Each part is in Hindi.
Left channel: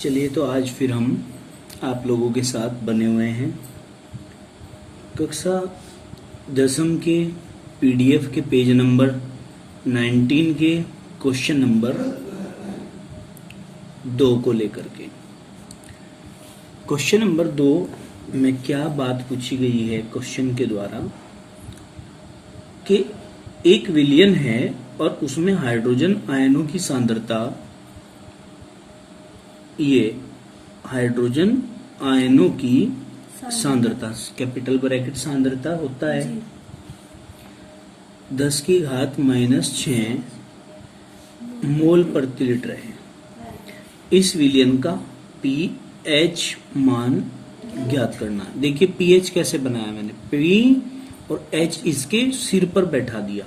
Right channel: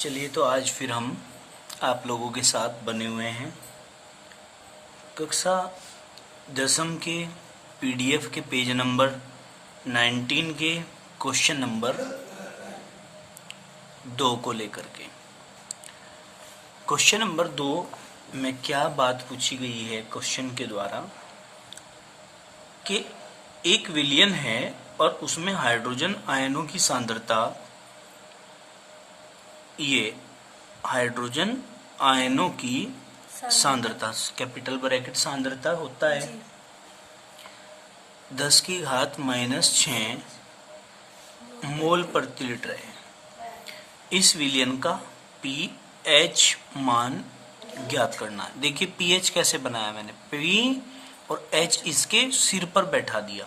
चलिए तो आज फिर हम आप लोगों के साथ बने हुए हैं कक्षा 10वीं के पीडीएफ के पेज नंबर 19 के क्वेश्चन नंबर 2 को लेकर के। क्वेश्चन नंबर 2 में क्या बात पूछी गई है क्वेश्चन के द्वारा कि एक विलयन है और उसमें हाइड्रोजन आयनों की सांद्रता, ये हाइड्रोजन आयनों की सांद्रता कैपिटल ब्रैकेट सांद्रता होता है 10⁻⁻⁶ मोल प्रति लीटर है। इस विलयन का पीएच मान ज्ञात करना है। देखिए पीएच कैसे बनाया मैंने, पी और एच इसके सिर पर बैठा दिया,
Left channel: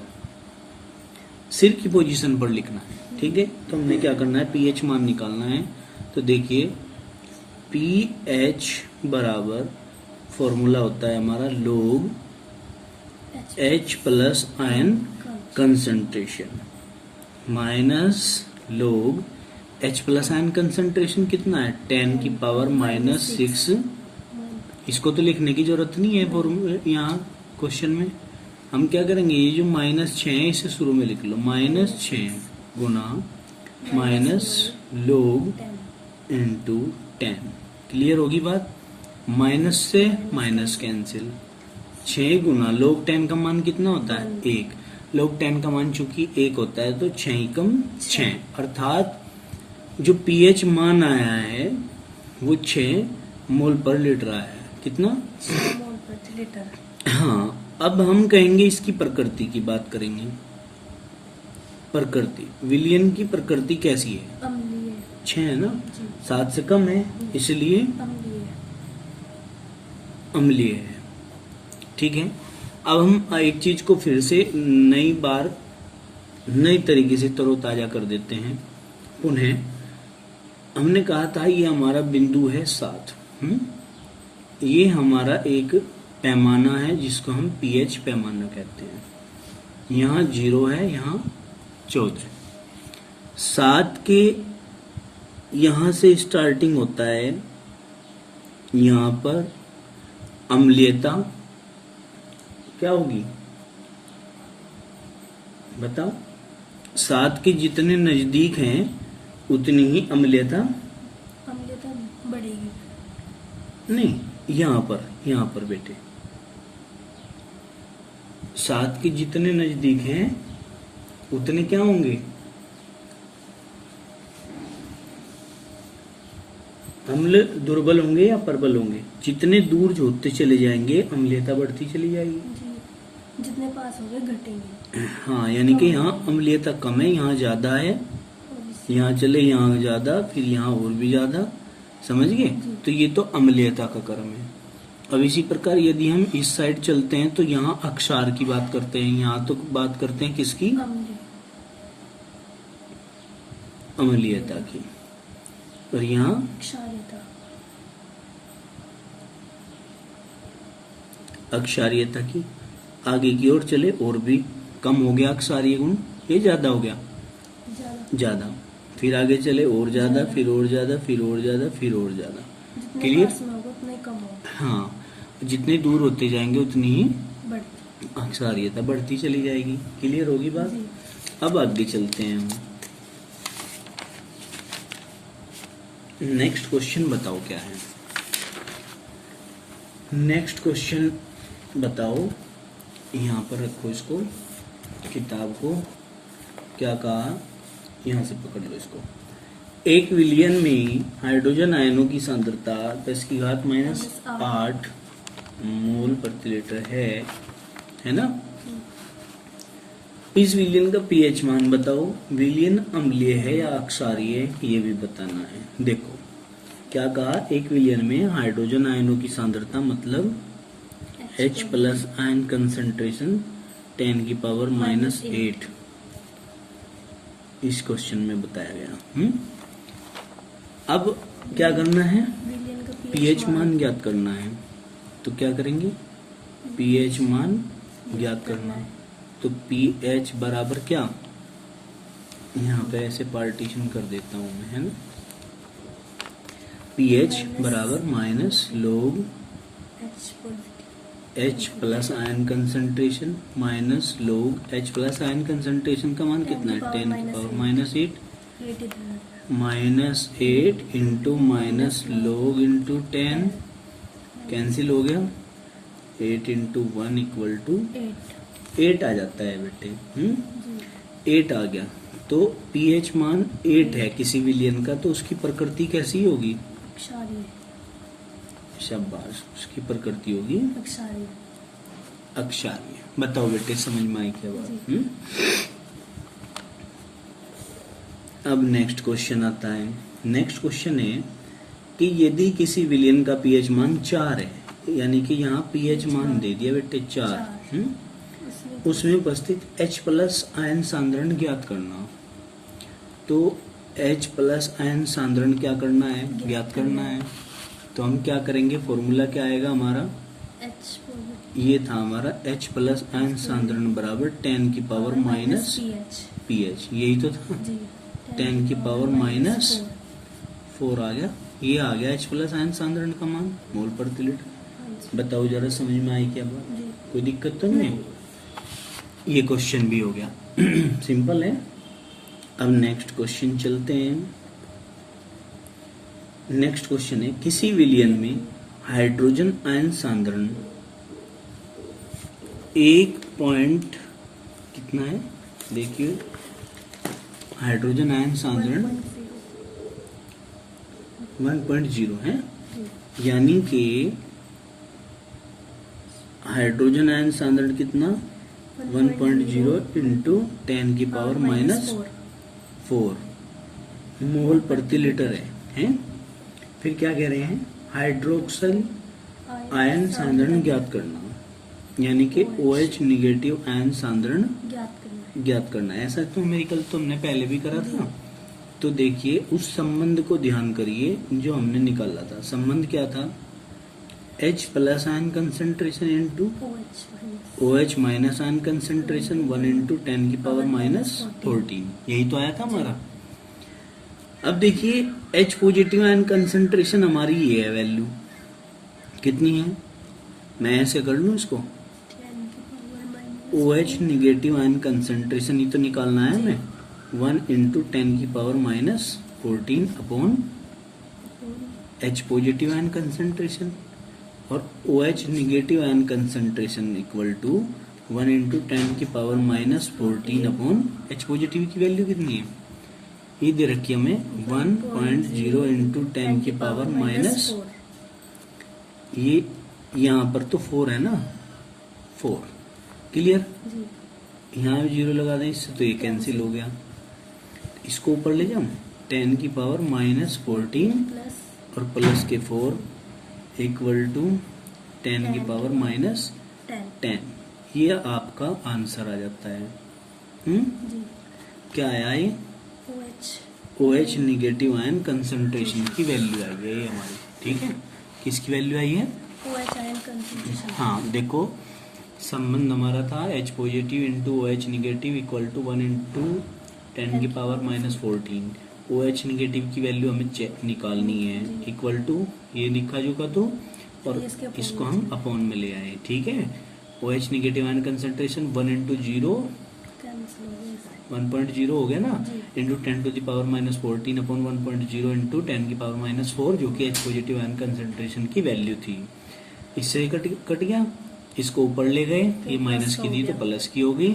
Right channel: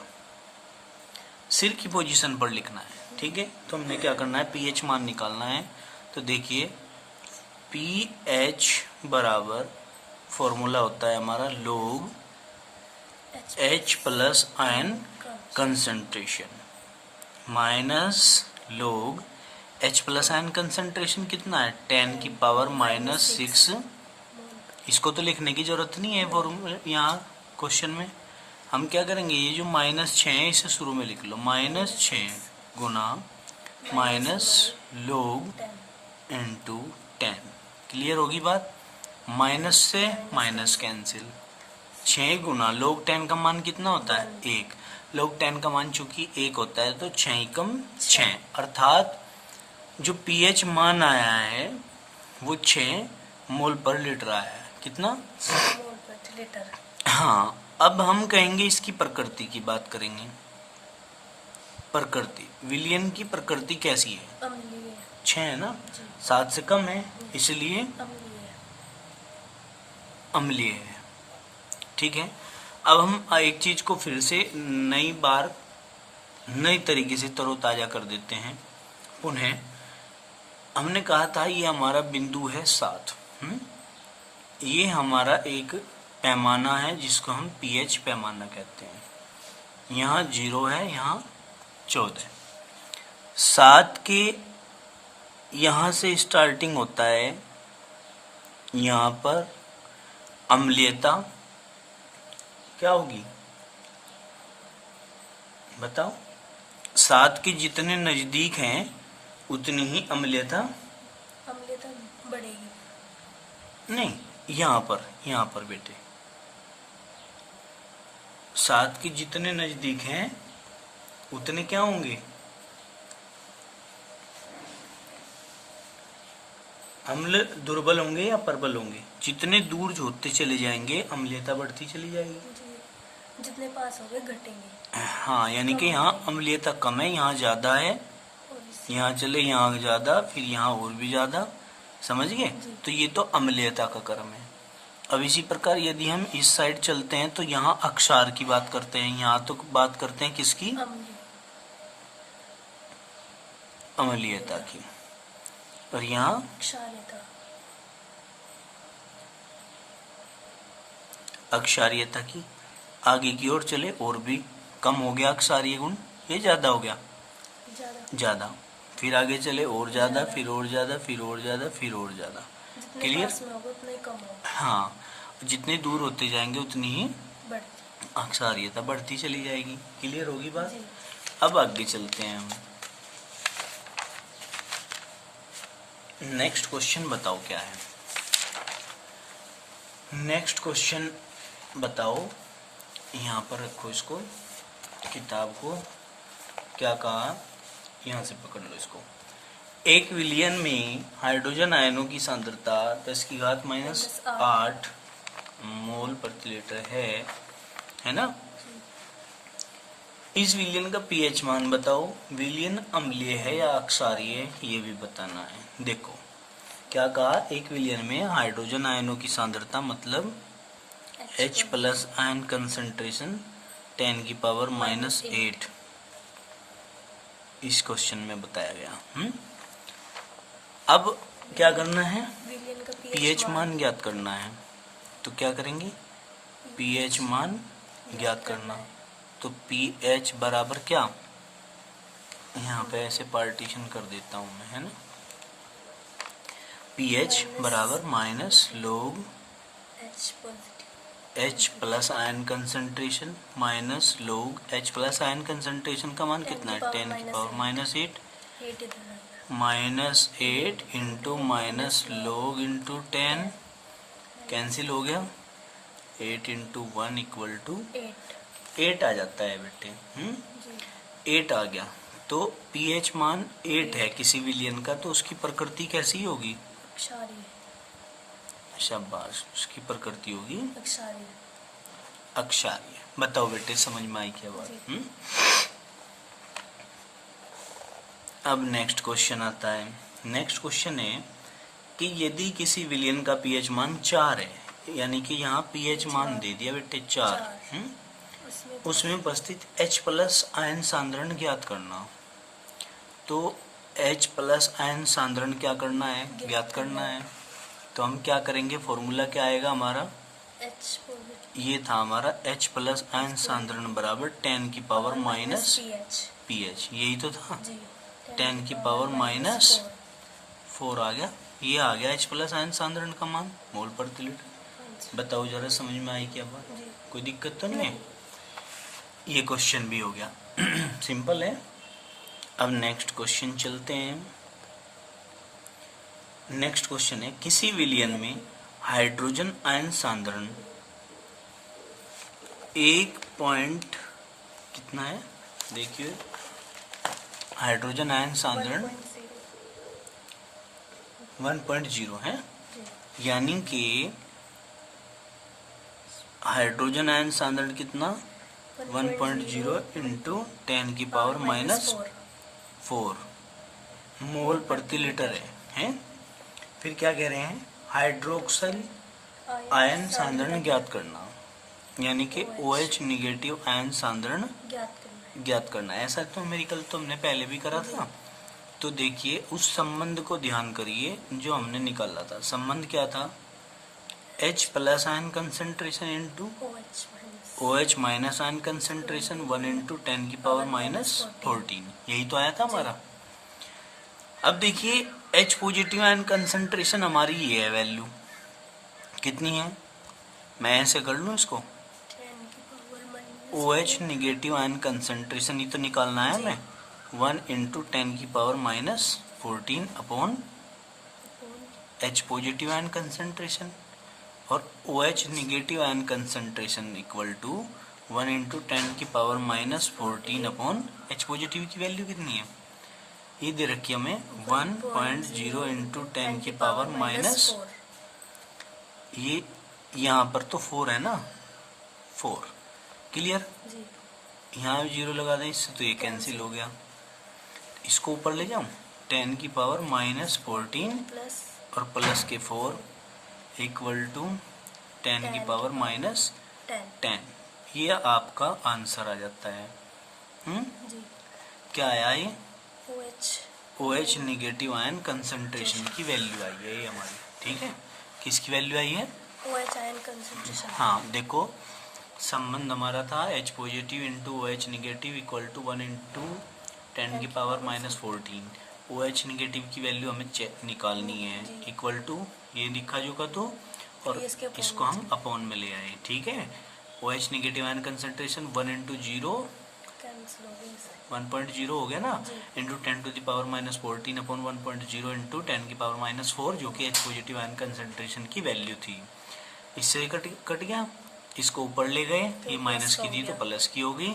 सिर की पोजीशन पर लिखना है, ठीक है। तो हमने क्या करना है, पीएच मान निकालना है। तो देखिए पीएच बराबर फॉर्मूला होता है हमारा log H plus ion concentration minus log H plus ion concentration कितना है 10⁻⁻⁶। इसको तो लिखने की जरूरत नहीं है फॉर्मूला यहाँ क्वेश्चन में। हम क्या करेंगे, ये जो -6 है इसे शुरू में लिख लो, -6 गुना माइनस log इंटू 10। क्लियर होगी बात। माइनस से माइनस कैंसिल, 6 गुना log 10 का मान कितना होता है 1। log 10 का मान चूंकि 1 होता है तो 6 अर्थात जो पीएच मान आया है वो 6 मोल पर लीटर आया है। कितना मोल पर लीटर। हाँ, अब हम कहेंगे इसकी प्रकृति की बात करेंगे। प्रकृति, विलयन की प्रकृति कैसी है, 6 है ना, 7 से कम है इसलिए अम्लीय है, ठीक है। अब हम एक चीज को फिर से नई तरीके से तरोताजा कर देते हैं। पुनः हमने कहा था ये हमारा बिंदु है 7, ये हमारा एक पैमाना है जिसको हम पीएच पैमाना कहते हैं। यहाँ 0 है, यहाँ 14। 7 के यहाँ से स्टार्टिंग होता है, यहाँ पर अम्लीयता क्या होगी बताओ। 7 के जितने नजदीक हैं उतनी ही अम्लीयता बढ़ेगी। नहीं, यहाँ पर बेटे 7 के जितने नजदीक हैं उतने क्या होंगे, अम्ल दुर्बल होंगे या प्रबल होंगे। जितने दूर होते चले जाएंगे अम्लीयता बढ़ती चली जाएगी, जितने पास होंगे घटेंगे। हाँ, यानी कि यहाँ अम्लीयता कम है, यहाँ ज्यादा है, यहाँ चले यहाँ ज्यादा, फिर यहाँ और भी ज्यादा, समझ गए। तो ये तो अम्लीयता का क्रम है। अब इसी प्रकार यदि हम इस साइड चलते हैं तो यहाँ अक्षार की बात करते हैं, यहाँ तो बात करते हैं किसकी, अम्लीयता की, और यहाँ अक्षारीयता की। आगे की ओर चले और भी कम हो गया अक्षारीय गुण, ये ज्यादा हो गया ज्यादा, फिर आगे चले और ज्यादा, फिर और ज्यादा, फिर और ज्यादा, फिर और ज्यादा। क्लियर। हाँ, जितने दूर होते जाएंगे उतनी ही अक्षारीयता बढ़ती चली जाएगी। क्लियर होगी बात। अब आगे चलते हैं हम। नेक्स्ट क्वेश्चन बताओ क्या है। नेक्स्ट क्वेश्चन बताओ, यहाँ पर रखो इसको, किताब को, क्या कहा, यहाँ से पकड़ लो इसको। एक विलयन में हाइड्रोजन आयनों की सांद्रता 10⁻⁸ मोल प्रति लीटर है ना। इस विलयन का पीएच मान बताओ। विलयन अम्लीय है या अक्षारीय है ये भी बताना है। देखो क्या कहा, एक विलयन में हाइड्रोजन आयनों की सांद्रता मतलब H प्लस आयन कंसंट्रेशन 10⁻⁸ इस क्वेश्चन में बताया गया। अब क्या करना है, पीएच मान ज्ञात करना है। तो क्या करेंगे, पीएच मान ज्ञात करना। तो पीएच बराबर क्या, यहाँ पे ऐसे पार्टीशन कर देता हूं मैं, है ना। पीएच बराबर minus log H positive H plus ion concentration minus log H plus ion concentration का मान कितना है 10 की पावर -8 8 इधर -8 into minus log into 10 cancel हो गया 8 इंटू 1 इक्वल टू 8 8 आ जाता है बेटे जी 8 आ गया तो पीएच मान 8 है किसी विलियन का तो उसकी प्रकृति कैसी होगी अक्षारीय शाबाश उसकी प्रकृति होगी अक्षारीय अक्षारीय बताओ बेटे समझ में आई क्या बात जी। अब नेक्स्ट क्वेश्चन आता है नेक्स्ट क्वेश्चन है कि यदि किसी विलियन का पीएच मान 4 है यानी कि यहाँ पीएच मान दे दिया बेटे 4 इसमें उसमें उपस्थित H प्लस आयन सांद्रण ज्ञात करना तो H प्लस आयन सांद्रण क्या करना है ज्ञात करना है तो हम क्या करेंगे फॉर्मूला क्या आएगा हमारा H पॉजिटिव ये था हमारा H प्लस आयन सांद्रण बराबर 10 की पावर माइनस pH पीएच यही तो था जी 10 की पावर माइनस 4 आ गया ये आ गया H प्लस आयन सांद्रण का मान मोल प्रति लीटर बताओ जरा समझ में आई क्या बात जी कोई दिक्कत तो नहीं है ये क्वेश्चन भी हो गया सिंपल है अब नेक्स्ट क्वेश्चन चलते हैं नेक्स्ट क्वेश्चन है किसी विलियन में हाइड्रोजन आयन सांद्रण 1 पॉइंट कितना है देखिए हाइड्रोजन आयन सांद्रण 1.0 है यानी कि हाइड्रोजन आयन सांद्रण कितना 1.0 इंटू 10 की पावर माइनस 4 मोल प्रति लीटर है फिर क्या कह रहे हैं हाइड्रोक्सल आयन सांद्रण ज्ञात करना यानी कि OH निगेटिव आयन सांद्रण ज्ञात करना ऐसा तो न्यूमेरिकल तो हमने पहले भी करा था तो देखिए उस संबंध को ध्यान करिए जो हमने निकाला था संबंध क्या था H plus ion concentration into OH minus ion concentration 1 into 10 की पावर माइनस 14 यही तो आया था हमारा अब देखिए H पॉजिटिव आयन कंसंट्रेशन हमारी ये है वैल्यू कितनी है मैं ऐसे कर लूं इसको OH निगेटिव आयन कंसंट्रेशन ये तो निकालना है हमें 1 इंटू 10 की power minus 14 upon H positive ion concentration और OH negative ion concentration equal to 1 into 10 की power minus 14 upon H positive की वैल्यू कितनी है ये दे रखी हमें 1.0 इंटू 10 की पावर माइनस ये यहाँ पर तो 4 है ना 4 क्लियर यहाँ भी 0 लगा दें इससे तो ये कैंसिल हो गया इसको ऊपर ले जाऊं 10 की पावर माइनस 14 और प्लस के 4 इक्वल टू 10 की पावर माइनस 10 ये आपका आंसर आ जाता है क्या आया ये OH निगेटिव आयन कंसंट्रेशन की वैल्यू आई है ये हमारी ठीक है किसकी वैल्यू आई है OH आयन कंसंट्रेशन हाँ देखो संबंध हमारा था H positive into OH negative equal to 1 into 10 की पावर माइनस 14 OH निगेटिव की वैल्यू हमें निकालनी है इक्वल टू ये लिखा जो का तो और इसको हम अपॉन में ले आए ठीक है OH negative ion concentration 1 into 0 1.0 हो गया ना into 10 to the power minus 14 upon 1.0 into 10 की पावर माइनस 4 जो कि H पॉजिटिव आयन कंसंट्रेशन की वैल्यू थी इससे कट गया इसको ऊपर ले गए ये माइनस की थी तो प्लस की हो गई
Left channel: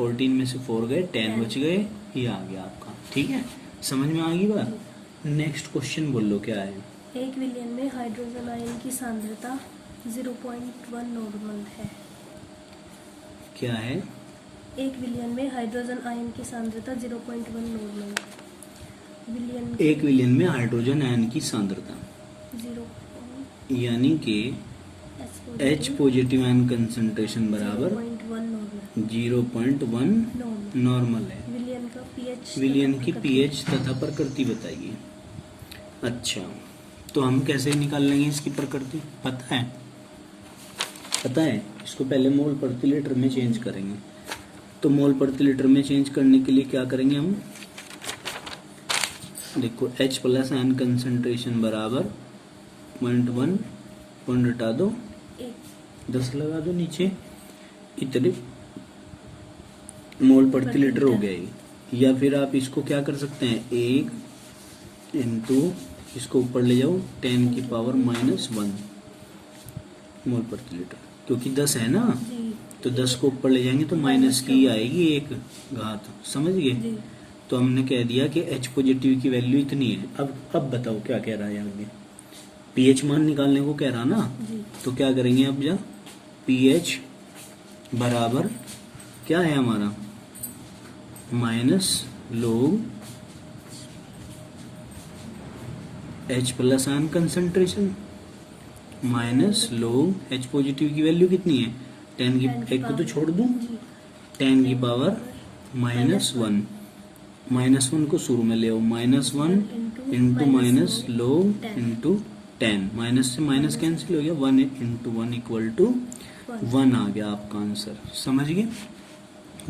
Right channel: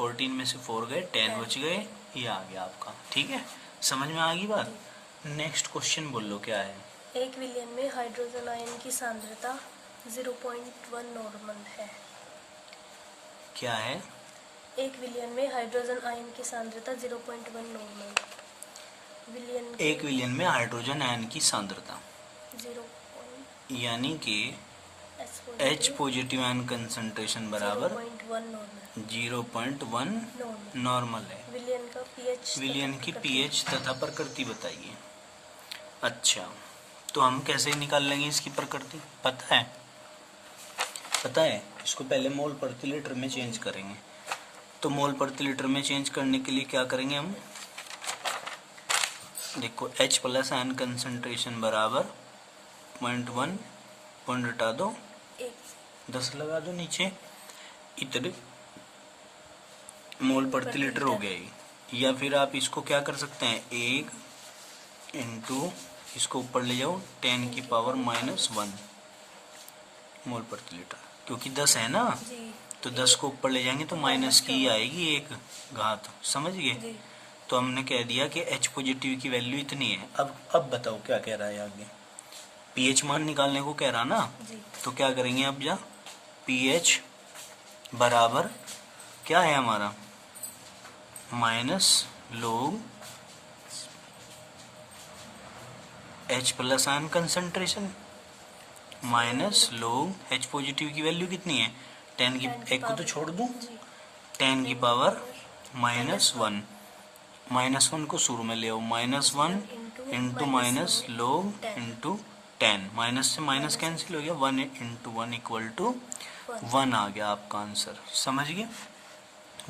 14 में से 4 गए 10 बच गए ये आ गया आपका ठीक है समझ में आ गई बात नेक्स्ट क्वेश्चन बोल लो क्या है एक विलियन में हाइड्रोजन आयन की सांद्रता 0.1 नॉर्मल है क्या है एक विलियन में हाइड्रोजन आयन की सांद्रता 0.1 नॉर्मल विलियन एक विलियन में हाइड्रोजन आयन की सांद्रता 0 यानी कि H पॉजिटिव आयन कंसंट्रेशन बराबर 0.1 नॉर्मल है विलियन की पीएच तथा प्रकृति बताइए अच्छा तो हम कैसे निकाल लेंगे इसकी प्रकृति पता है इसको पहले मोल प्रति लीटर में चेंज करेंगे तो मोल प्रति लीटर में चेंज करने के लिए क्या करेंगे हम देखो H प्लस आयन कंसंट्रेशन बराबर 0.1, पॉइंट हटा दो, 10 लगा दो नीचे, इतने मोल प्रति लीटर हो गया ये। या फिर आप इसको क्या कर सकते हैं, 1 इंटू इसको ऊपर ले जाओ 10 की पावर -1 मोल प्रति लीटर, क्योंकि 10 है ना, जी तो 10 को ऊपर ले जाएंगे तो माइनस की आएगी एक घात, समझ गए। जी तो हमने कह दिया कि H पॉजिटिव की वैल्यू इतनी है। अब बताओ क्या कह रहा है आगे, पीएच मान निकालने को कह रहा ना, जी तो क्या करेंगे अब, जा पीएच बराबर क्या है हमारा, माइनस लोग H plus ion concentration minus लोग H पॉजिटिव की वैल्यू कितनी है, 10 की, एक को तो छोड़ दूं, जी 10 की पावर -1, -1 को शुरू में ले आओ, -1 into minus log into 10, minus से माइनस कैंसिल हो गया, 1 इंटू 1 इक्वल टू 1 आ गया आपका आंसर, समझ गए,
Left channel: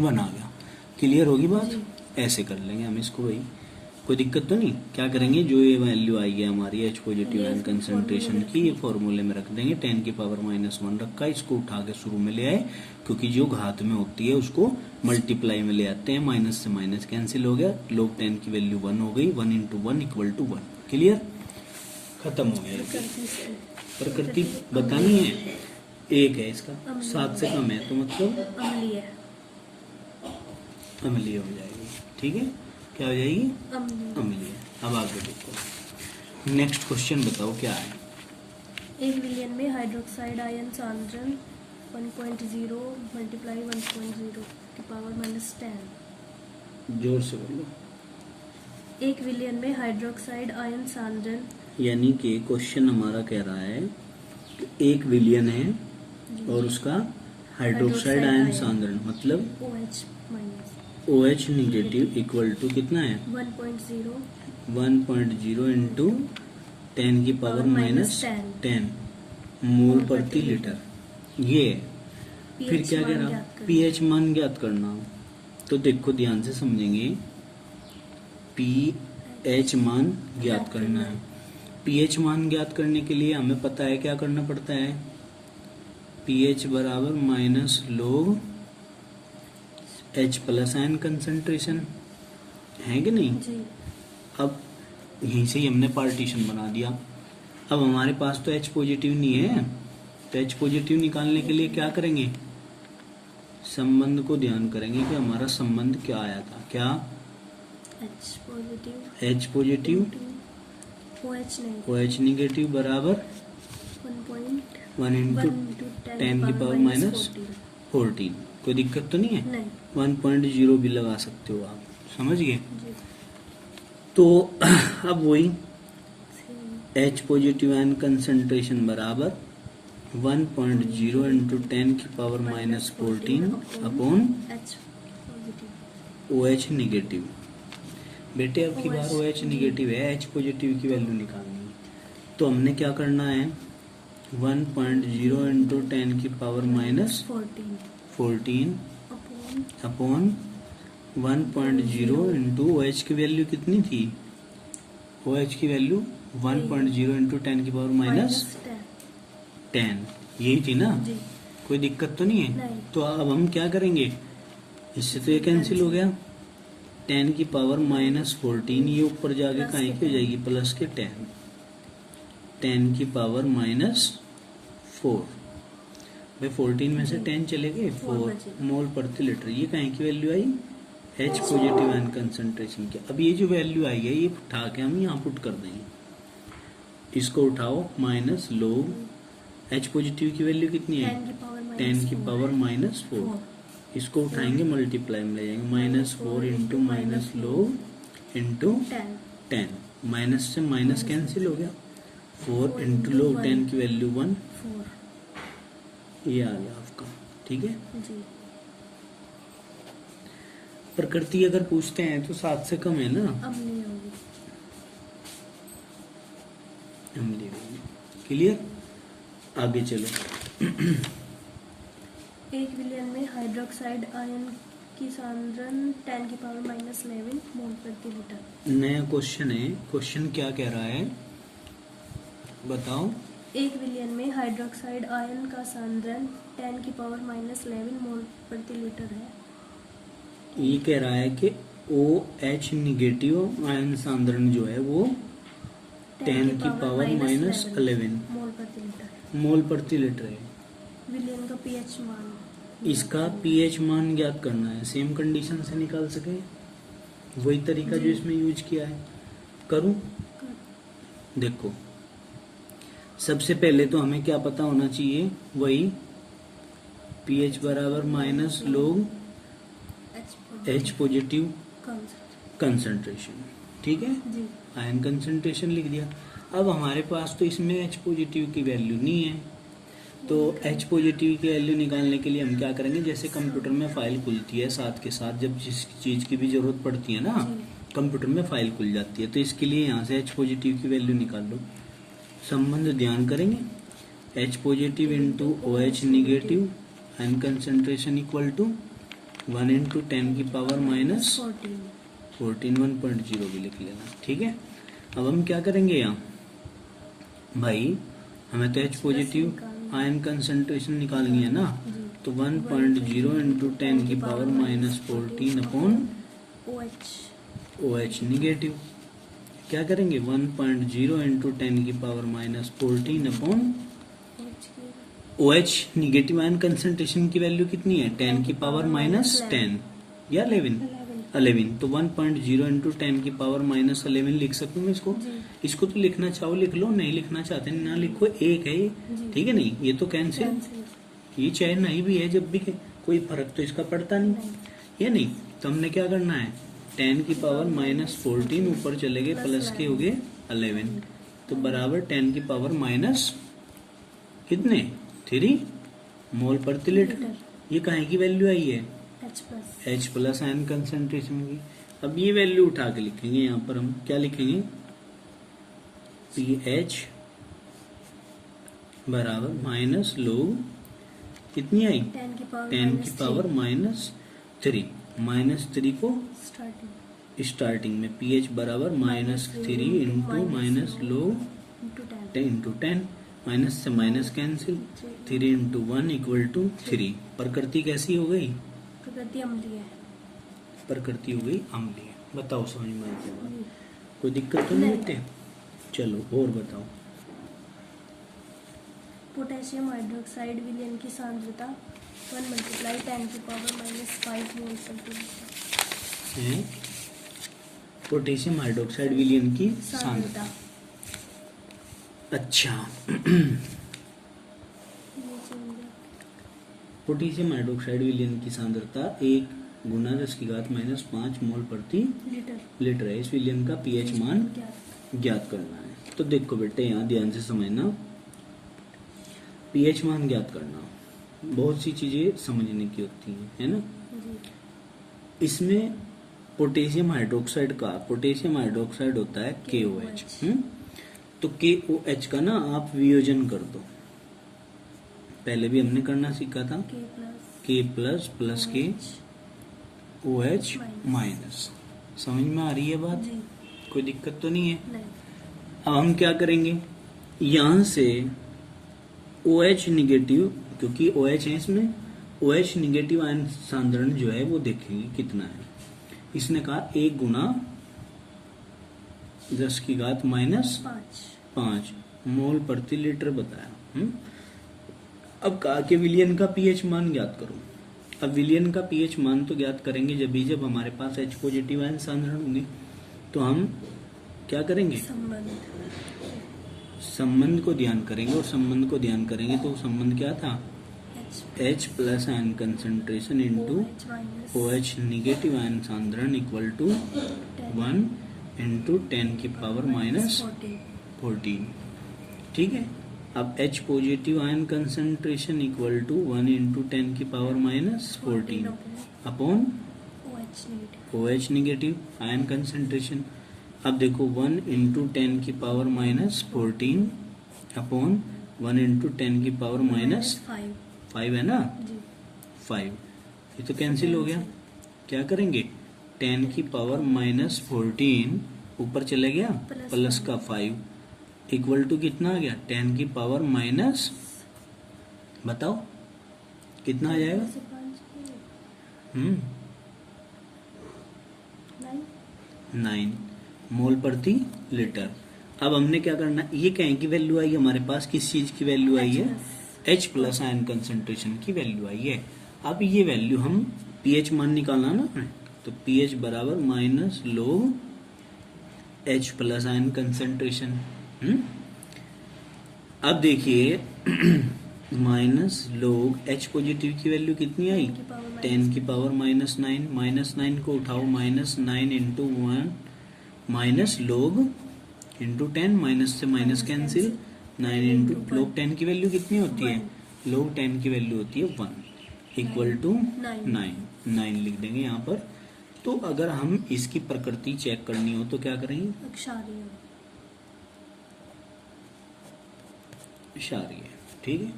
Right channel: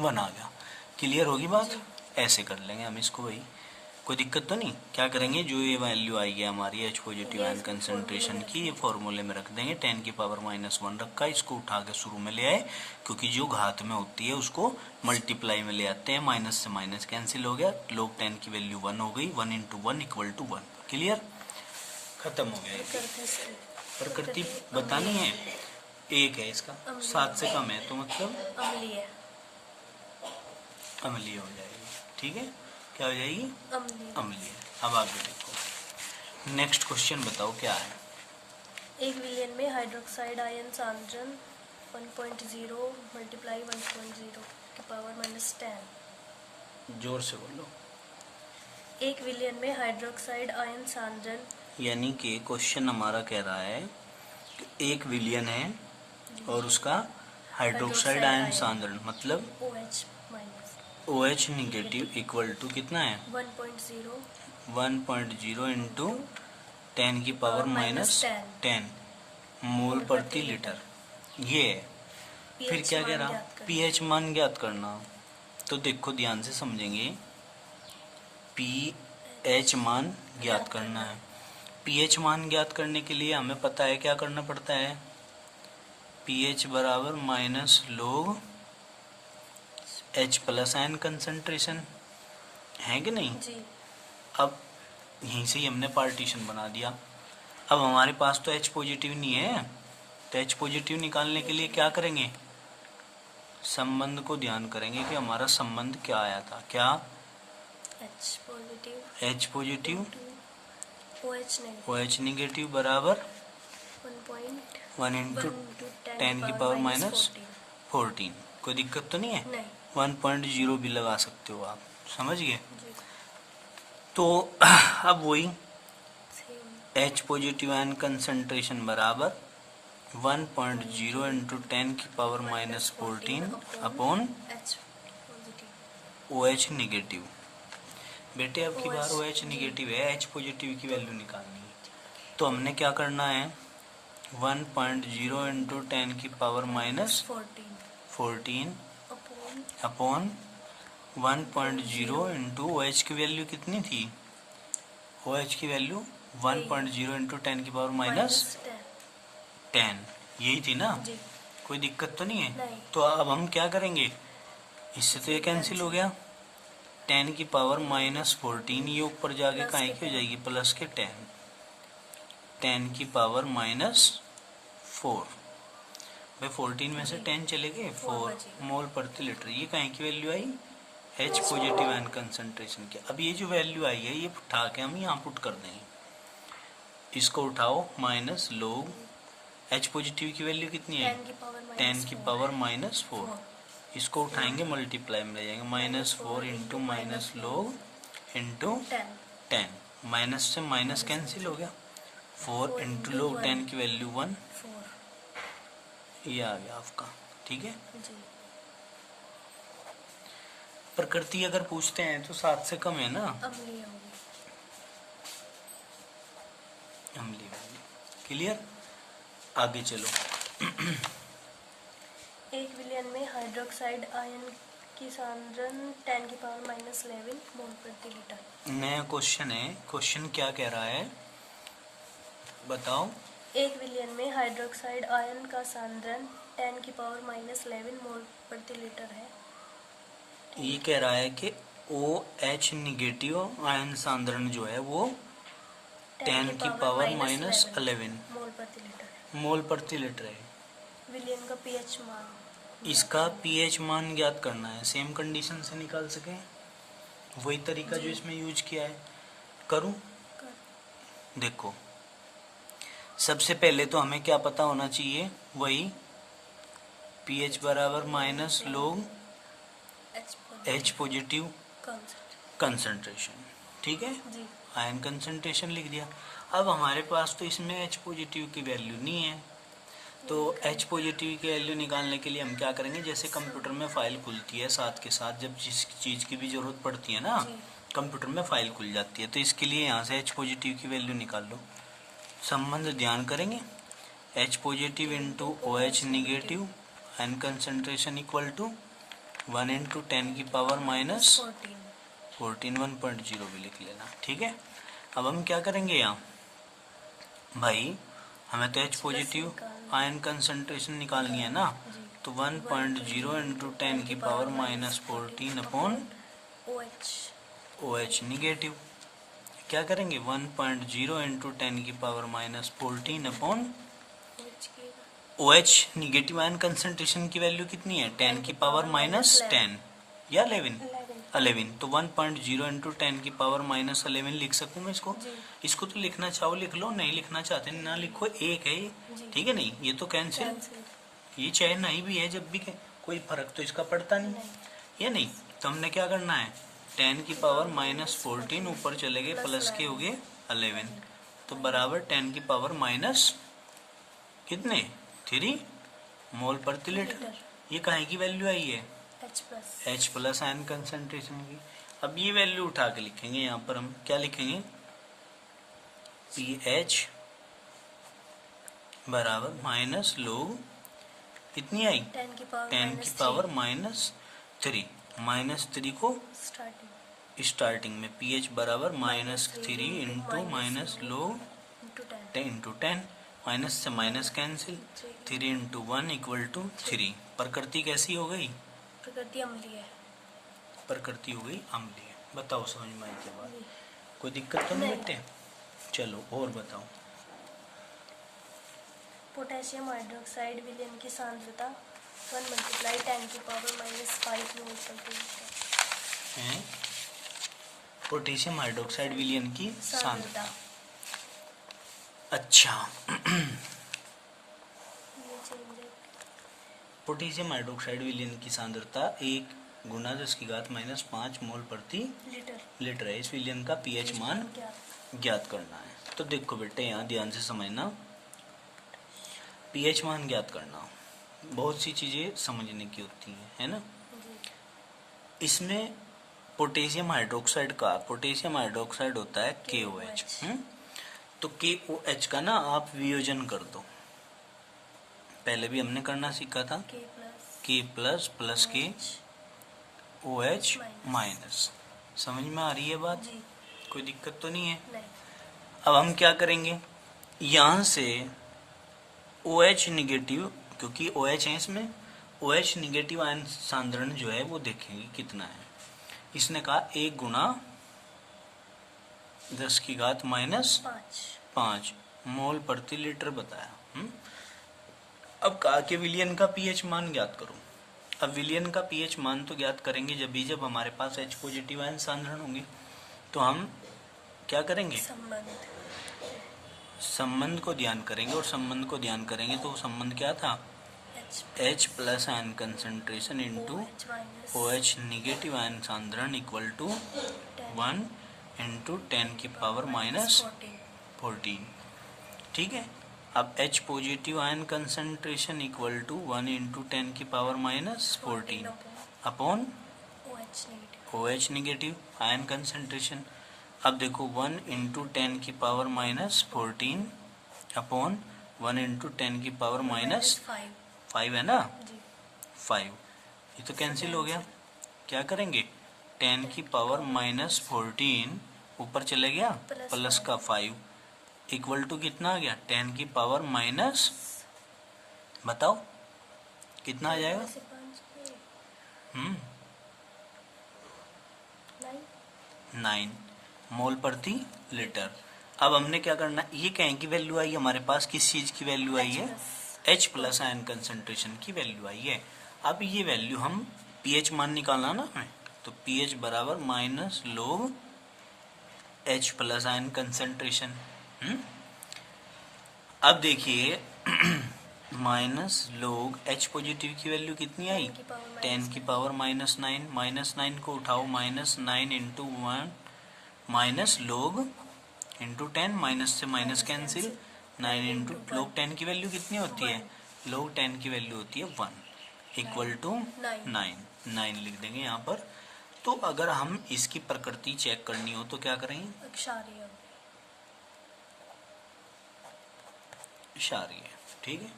1 आ गया। क्लियर होगी बात, जी। ऐसे कर लेंगे हम इसको, वही कोई दिक्कत तो नहीं। क्या करेंगे, जो ये वैल्यू आएगी हमारी H पॉजिटिव आयन कंसंट्रेशन की, ये फॉर्मूले में रख देंगे, 10 की पावर -1 रखा है, इसको उठा के शुरू में ले आए, क्योंकि जो घात में होती है उसको मल्टीप्लाई में ले आते हैं, माइनस से माइनस कैंसिल हो गया, लोग 10 की वैल्यू 1 हो गई, 1 इंटू 1 इक्वल टू 1। क्लियर, खत्म हो गया। प्रकृति से प्रकृति बतानी है, एक है इसका, 7 से कम है तो मतलब अम्लीय अम्लीय हो जाएगी, ठीक है, क्या हो जाएगी, अम्लीय। अम्लीय। अब आगे देखो, नेक्स्ट क्वेश्चन बताओ क्या है। 1 विलियन में हाइड्रोक्साइड आयन सांद्रण 1.0 मल्टीप्लाई 1.0 की पावर -10। जोर से बोलो। 1 विलियन में हाइड्रोक्साइड आयन सांद्रण, यानी कि क्वेश्चन हमारा कह रहा है कि 1 विलियन है और उसका हाइड्रोक्साइड आयन सांद्रण मतलब OH OH negative equal to कितना है, 1.0 1.0 इंटू 10 की पावर -10 मोल प्रति लीटर, ये है। फिर क्या कह रहा, पीएच मान ज्ञात करना। तो देखो ध्यान से समझेंगे, पीएच मान ज्ञात करना है। पीएच मान ज्ञात करने के लिए हमें पता है क्या करना पड़ता है, पीएच बराबर माइनस लोग H प्लस आयन कंसंट्रेशन, है कि नहीं। जी अब यहीं से ही हमने पार्टीशन बना दिया। अब हमारे पास तो H पॉजिटिव नहीं है, तो H पॉजिटिव निकालने के लिए क्या करेंगे, संबंध को ध्यान करेंगे कि हमारा संबंध क्या आया था, क्या H पॉजिटिव OH निगेटिव बराबर 1 इंटू 10 की पावर -14। कोई दिक्कत तो नहीं है, नहीं 1.0 भी लगा सकते हो आप, समझ गए। तो अब वही H पॉजिटिव आयन कंसंट्रेशन बराबर 1.0 इंटू 10 की पावर -14 अपॉन OH निगेटिव। बेटे अब की बार OH निगेटिव है, H पॉजिटिव की वैल्यू निकालनी है, तो हमने क्या करना है, 1.0 इंटू 10 की पावर -14 अपॉन 1.0 इंटू OH की वैल्यू कितनी थी, OH की वैल्यू 1.0 इंटू 10 की पावर -10, यही थी ना, जी कोई दिक्कत तो नहीं है। नहीं। तो अब हम क्या करेंगे, इससे तो ये कैंसिल हो गया, 10 की पावर -14 ये ऊपर जाके कहाँ की हो जाएगी, प्लस के 10 की पावर -4, भाई 14 में से 10 चले गए, 4 मोल प्रति लीटर, ये कहाँ की वैल्यू आई, H पॉजिटिव आयन कंसंट्रेशन की। अब ये जो वैल्यू आई है ये उठा के हम यहाँ पुट कर देंगे, इसको उठाओ, माइनस लोग H पॉजिटिव की वैल्यू कितनी है, 10 की पावर -4, इसको उठाएंगे मल्टीप्लाई में ले जाएंगे, -4 into minus log into 10, minus से माइनस कैंसिल हो गया, 4 इंटू लोग 10 की वैल्यू 1, ये आ गया आपका, ठीक है। जी प्रकृति अगर पूछते हैं तो 7 से कम है ना, अम्लीय होगी। अम्लीय होगी। क्लियर, आगे चलो। 1 विलियन में हाइड्रोक्साइड आयन की सांद्रण 10 की पावर -11 मोल प्रति लीटर। नया क्वेश्चन है। क्वेश्चन क्या कह रहा है बताओ। 1 विलियन में हाइड्रोक्साइड आयन का सांद्रण 10 की पावर -11 मोल प्रति लीटर है। ये कह रहा है कि OH निगेटिव आयन सांद्रण जो है वो 10 की पावर -11 मोल प्रति लीटर है। मोल प्रति लीटर है। विलियन का पीएच मान, इसका पीएच मान ज्ञात करना है। सेम कंडीशन से निकाल सके, वही तरीका जो इसमें यूज किया है। करूं? देखो, सबसे पहले तो हमें क्या पता होना चाहिए, वही पीएच बराबर माइनस लोग H पॉजिटिव कंसंट्रेशन। ठीक है, जी आयन कंसंट्रेशन लिख दिया। अब हमारे पास तो इसमें H पॉजिटिव की वैल्यू नहीं है, तो H पॉजिटिव की वैल्यू निकालने के लिए हम क्या करेंगे, जैसे कंप्यूटर में फाइल खुलती है साथ के साथ, जब जिस चीज की भी जरूरत पड़ती है ना, कंप्यूटर में फाइल खुल जाती है, तो इसके लिए यहाँ से H पॉजिटिव की वैल्यू निकाल लो। संबंध ध्यान करेंगे, H positive into OH negative ion concentration equal to 1 into 10 की पावर माइनस 14, 1.0 भी लिख लेना। ठीक है, अब हम क्या करेंगे यहाँ भाई, हमें तो H पॉजिटिव आयन कंसंट्रेशन निकालनी है ना, तो 1.0 इंटू 10 की power minus 14 upon OH negative. क्या करेंगे, 1.0 इंटू 10 की power minus 14 upon OH negative ion concentration की वैल्यू कितनी है, 10 की पावर माइनस 10 या 11, तो 1.0 इंटू 10 की पावर माइनस 11 लिख सकूँ इसको। इसको तो लिखना चाहो लिख लो, नहीं लिखना चाहते ना लिखो, एक है ये। ठीक है, नहीं ये तो कैंसिल, ये चाहे नहीं भी है, जब भी कोई फर्क तो इसका पड़ता नहीं, या नहीं। तो हमने क्या करना है, 10 की पावर माइनस 14 ऊपर चले गए, प्लस के हो गए 11, तो बराबर 10 की पावर माइनस कितने 3 मोल प्रति लीटर। ये काहे की वैल्यू आई है, H प्लस आयन कंसंट्रेशन की। अब ये वैल्यू उठा के लिखेंगे, यहाँ पर हम क्या लिखेंगे, pH बराबर माइनस लोग कितनी आई, 10 की पावर -3, -3 को स्टार्टिंग में, pH बराबर -3 into minus log into 10, minus से minus cancel, 3 into 1 equal to 3। प्रकृति कैसी हो गई, प्रकृति अम्लीय है। प्रकृति हो गई अम्लीय। बताओ समझ में आई क्या बात? कोई दिक्कत तो नहीं बेटे? चलो और बताओ। पोटेशियम हाइड्रोक्साइड विलयन की सांद्रता 1 × 10 की पावर -5 मोल प्रति लीटर है। पोटेशियम हाइड्रोक्साइड विलयन की सांद्रता। अच्छा पोटेशियम हाइड्रोक्साइड विलयन की सांद्रता 1 गुना 10 की घात -5 मोल प्रति लीटर है। इस विलयन का पीएच मान ज्ञात करना है। तो देखो बेटे, यहाँ ध्यान से समझना, पीएच मान ज्ञात करना, बहुत सी चीजें समझने की होती है ना। इसमें पोटेशियम हाइड्रोक्साइड होता है KOH। तो KOH का ना आप वियोजन कर दो, पहले भी हमने करना सीखा था, K प्लस प्लस के OH माइनस। समझ में आ रही है बात? कोई दिक्कत तो नहीं है? अब हम क्या करेंगे, यहाँ से OH निगेटिव, क्योंकि OH है इसमें, OH निगेटिव आयन सांद्रण जो है वो देखेंगे कितना है। इसने कहा 1 गुना 10 की घात -5 मोल प्रति लीटर बताया। अब कहा कि विलयन का पीएच मान ज्ञात करो। अब विलयन का पीएच मान तो ज्ञात करेंगे जब हमारे पास H पॉजिटिव आयन सांद्रण होंगे। तो हम क्या करेंगे, संबंध को ध्यान करेंगे, और संबंध को ध्यान करेंगे तो संबंध क्या था, H plus ion concentration into OH negative ion सांद्रण इक्वल टू 1 इंटू 10 की पावर -14। ठीक है, अब H positive ion concentration equal to 1 into 10 की power -14 upon OH negative ion concentration. अब देखो 1 इंटू 10 की पावर -14 अपॉन 1 इंटू 10 की पावर -5 है ना, 5, ये तो कैंसिल हो गया। क्या करेंगे, 10 की पावर माइनस 14 ऊपर चले गया प्लस का 5 इक्वल टू कितना आ गया, 10 की पावर माइनस, बताओ कितना आ जाएगा, से 5 9 मोल प्रति लीटर। अब हमने क्या करना, ये कहें की वैल्यू आई हमारे पास, किस चीज की वैल्यू आई है, H प्लस आयन कंसंट्रेशन की वैल्यू आई है। अब ये वैल्यू हम pH मान निकालना ना हमें, तो pH बराबर minus log H plus ion concentration. अब देखिए माइनस log H पॉजिटिव की वैल्यू कितनी आई, 10 की पावर माइनस 9, माइनस 9 को उठाओ, minus 9 into 1 minus log into 10, minus से माइनस कैंसिल, 9 इंटू log 10 की वैल्यू कितनी होती है, log 10 की वैल्यू होती है 1 इक्वल टू 9 लिख देंगे यहाँ पर। तो अगर हम इसकी प्रकृति चेक करनी हो तो क्या करेंगे, इशारिये। ठीक है,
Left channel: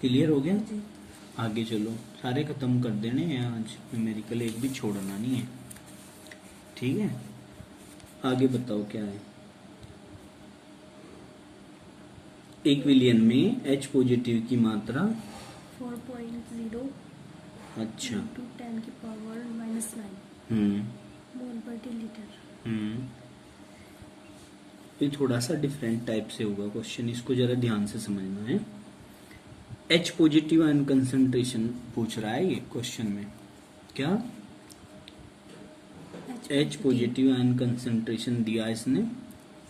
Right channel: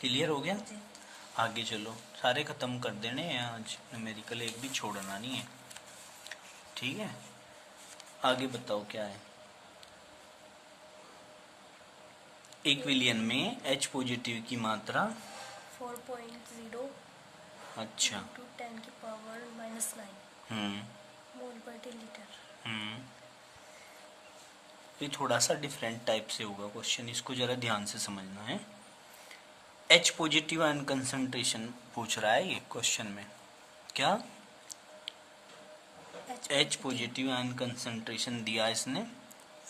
क्लियर हो गया। आगे चलो, सारे खत्म कर देने हैं आज, न्यूमेरिकल एक भी छोड़ना नहीं है। ठीक है, आगे बताओ क्या है। एक विलियन में H पॉजिटिव की मात्रा 4.0 अच्छा 10 की पावर माइनस 9 मोल प्रति लीटर। ये थोड़ा सा डिफरेंट टाइप से होगा क्वेश्चन, इसको जरा ध्यान से समझना है। H पॉजिटिव आयन कंसंट्रेशन पूछ रहा है ये क्वेश्चन में, क्या H पॉजिटिव आयन कंसंट्रेशन दिया इसने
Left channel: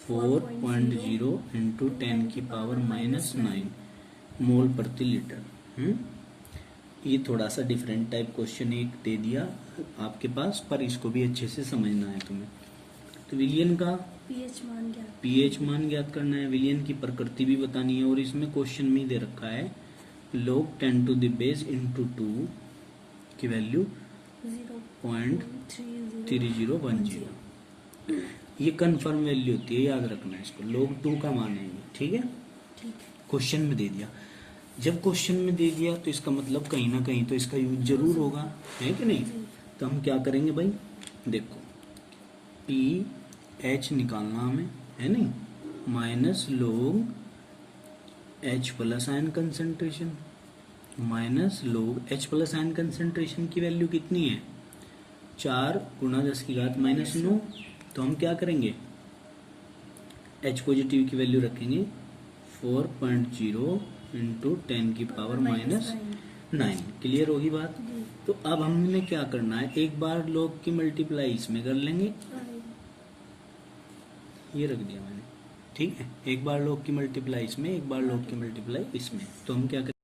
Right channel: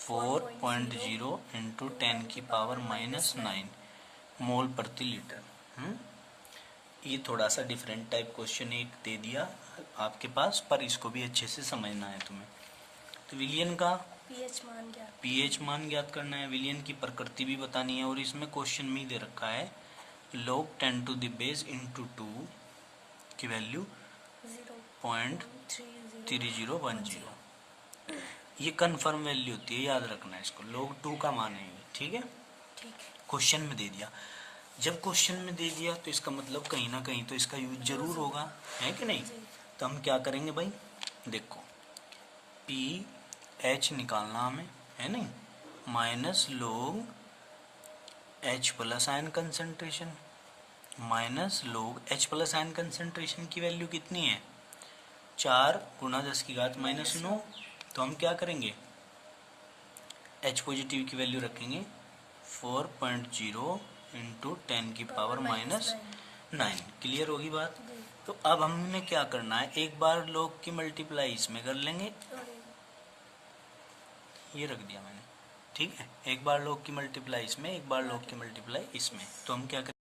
4.0 इंटू 10 की पावर माइनस 9 मोल प्रति लीटर। ये थोड़ा सा डिफरेंट टाइप क्वेश्चन एक दे दिया आपके पास, पर इसको भी अच्छे से समझना है तुम्हें। तो विलियन का pH मान ज्ञात करना है, विलियन की प्रकृति भी बतानी है, और इसमें क्वेश्चन में ही दे रखा है log 10 to the base into 2 की वैल्यू 0.3010। ये कंफर्म वैल्यू होती है, याद रखना है इसको, log 2 का मान है। ठीक है, क्वेश्चन में दे दिया। जब क्वेश्चन में दे दिया तो इसका मतलब कहीं ना कहीं तो इसका यूज जरूर होगा, है कि नहीं। तो हम क्या करेंगे भाई, देखो pH निकालना हमें, है नहीं, minus log H plus ion concentration, minus log H plus ion concentration की वैल्यू कितनी है, 4 गुणा 10 की घात माइनस 9। तो हम क्या करेंगे, H पॉजिटिव की वैल्यू रखेंगे 4.0 इंटू 10 की पावर माइनस 9। क्लियर होगी बात। तो अब हमने क्या करना है, एक बार log की मल्टीप्लाई इसमें कर लेंगे, ये रख दिया मैंने। ठीक है, एक बार log की मल्टीप्लाई इसमें, एक बार log की मल्टीप्लाई इसमें। तो हम क्या